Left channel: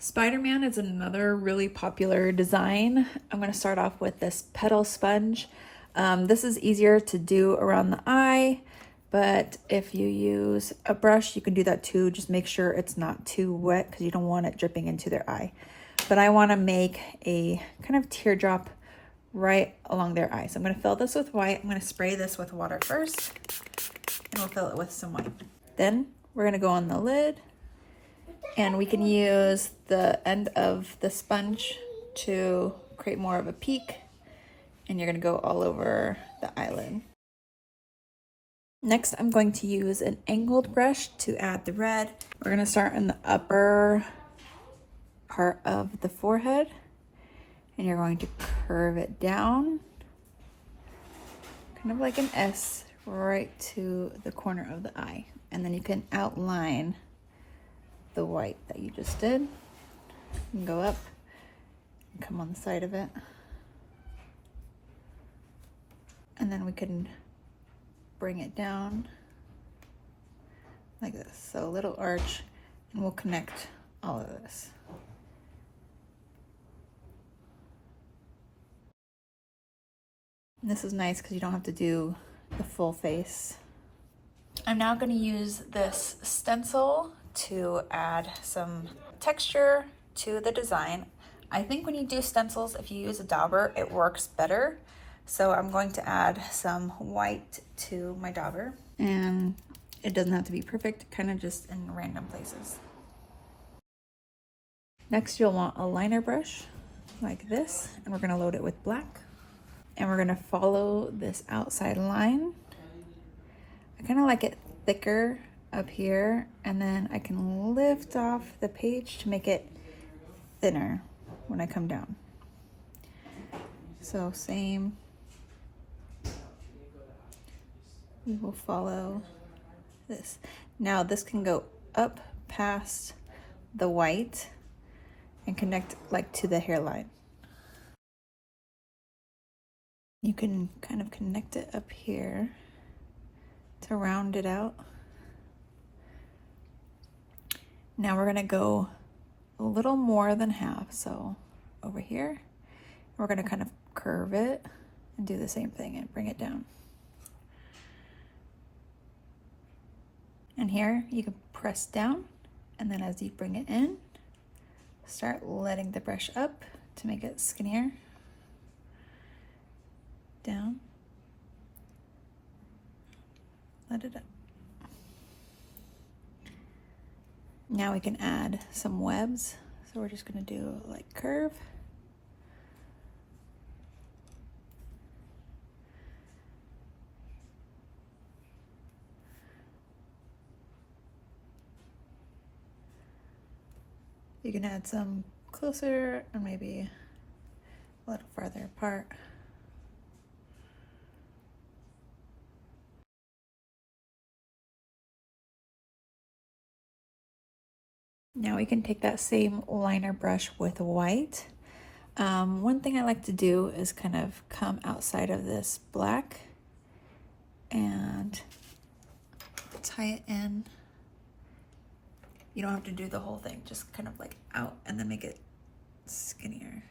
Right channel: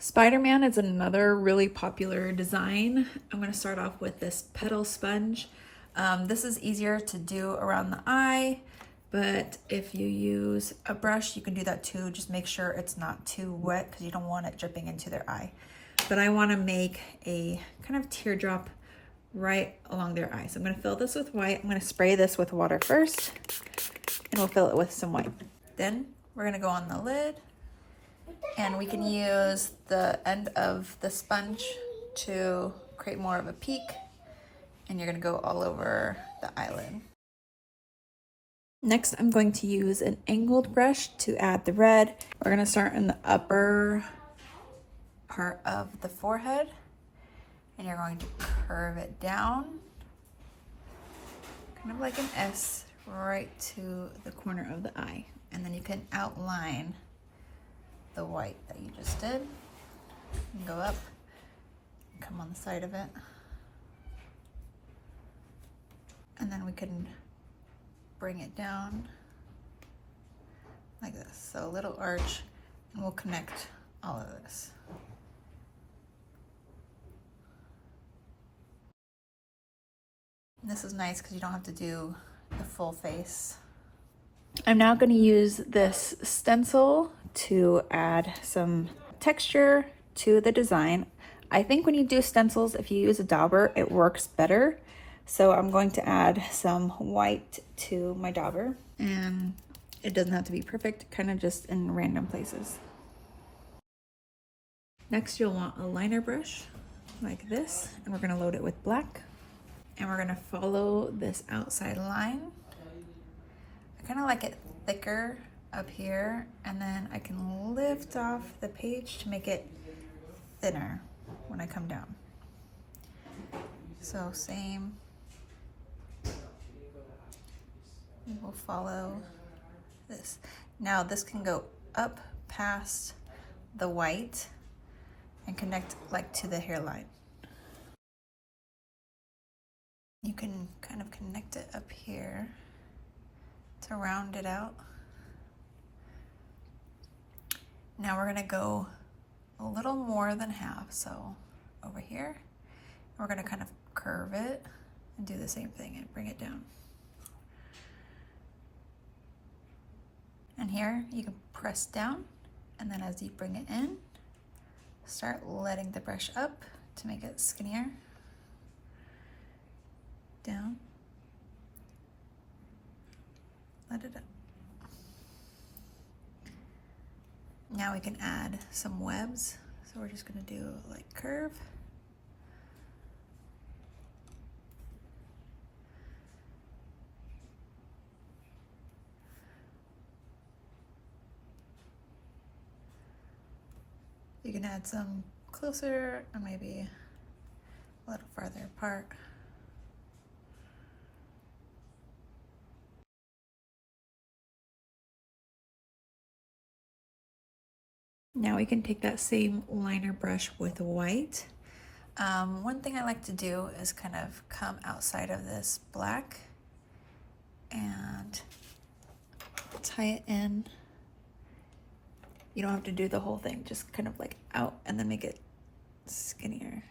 Spider-Man is another really popular design. I'm going to start off with this petal sponge. This is easier to do around the eye, but if you use a brush, you can do that too. Just make sure it's not too wet because you don't want it dripping into their eye. But I want to make a kind of teardrop right along their eye. So I'm going to fill this with white. I'm going to spray this with water first, and we'll fill it with some white. Then we're going to go on the lid. And we can use the end of the sponge to create more of a peak. And you're gonna go all over the eyelid. Next, I'm going to use an angled brush to add the red. We're gonna start in the upper part of the forehead. And you're going to curve it down, kind of like an S, right to the corner of the eye. And then you can outline the white that you just did. You can go up and come on the side of it. And then we can bring it down like this. So a little arch, and we'll connect all of this. And this is nice because you don't have to do the full face. I'm now going to use this stencil to add some texture to the design. I think when you do stencils, if you use a dauber, it works better. So I'm going to add some white to my dauber, and it doesn't have to be perfect, kind of just in random places. Next, you'll want a liner brush like this, and we're going to load it with black. And we're going to follow this outside line. I kind of like it thicker up here, and then I can lift off the page to make it thinner when I come down. So same, we will follow this. Now this can go up past the white and connect like to the hairline. You can kind of connect it up here to round it out. Now we're gonna go a little more than half, so over here. We're gonna kind of curve it and do the same thing and bring it down. And here you can press down, and then as you bring it in, start letting the brush up to make it skinnier. Down. Let it up. Now we can add some webs. So we're just gonna do like curve. You can add some closer or maybe a little farther apart. Now we can take that same liner brush with white. One thing I like to do is kind of come outside of this black and tie it in. You don't have to do the whole thing, just kind of like out and then make it skinnier.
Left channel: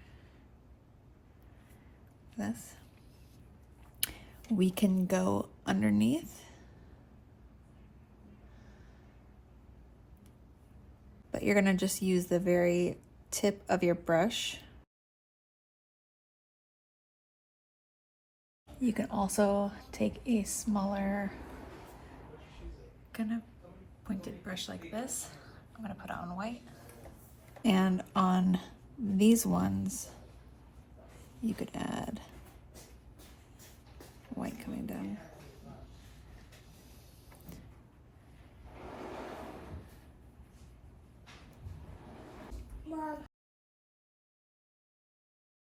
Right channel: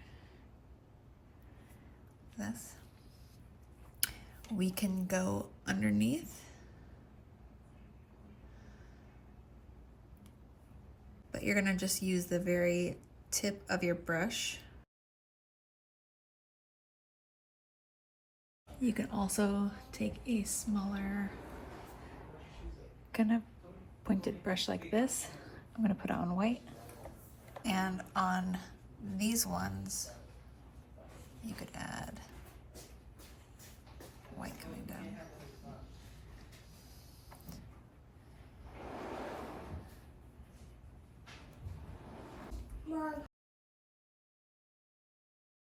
This. We can go underneath. But you're gonna just use the very tip of your brush. You can also take a smaller kind of pointed brush like this. I'm gonna put it on white. And on these ones, you could add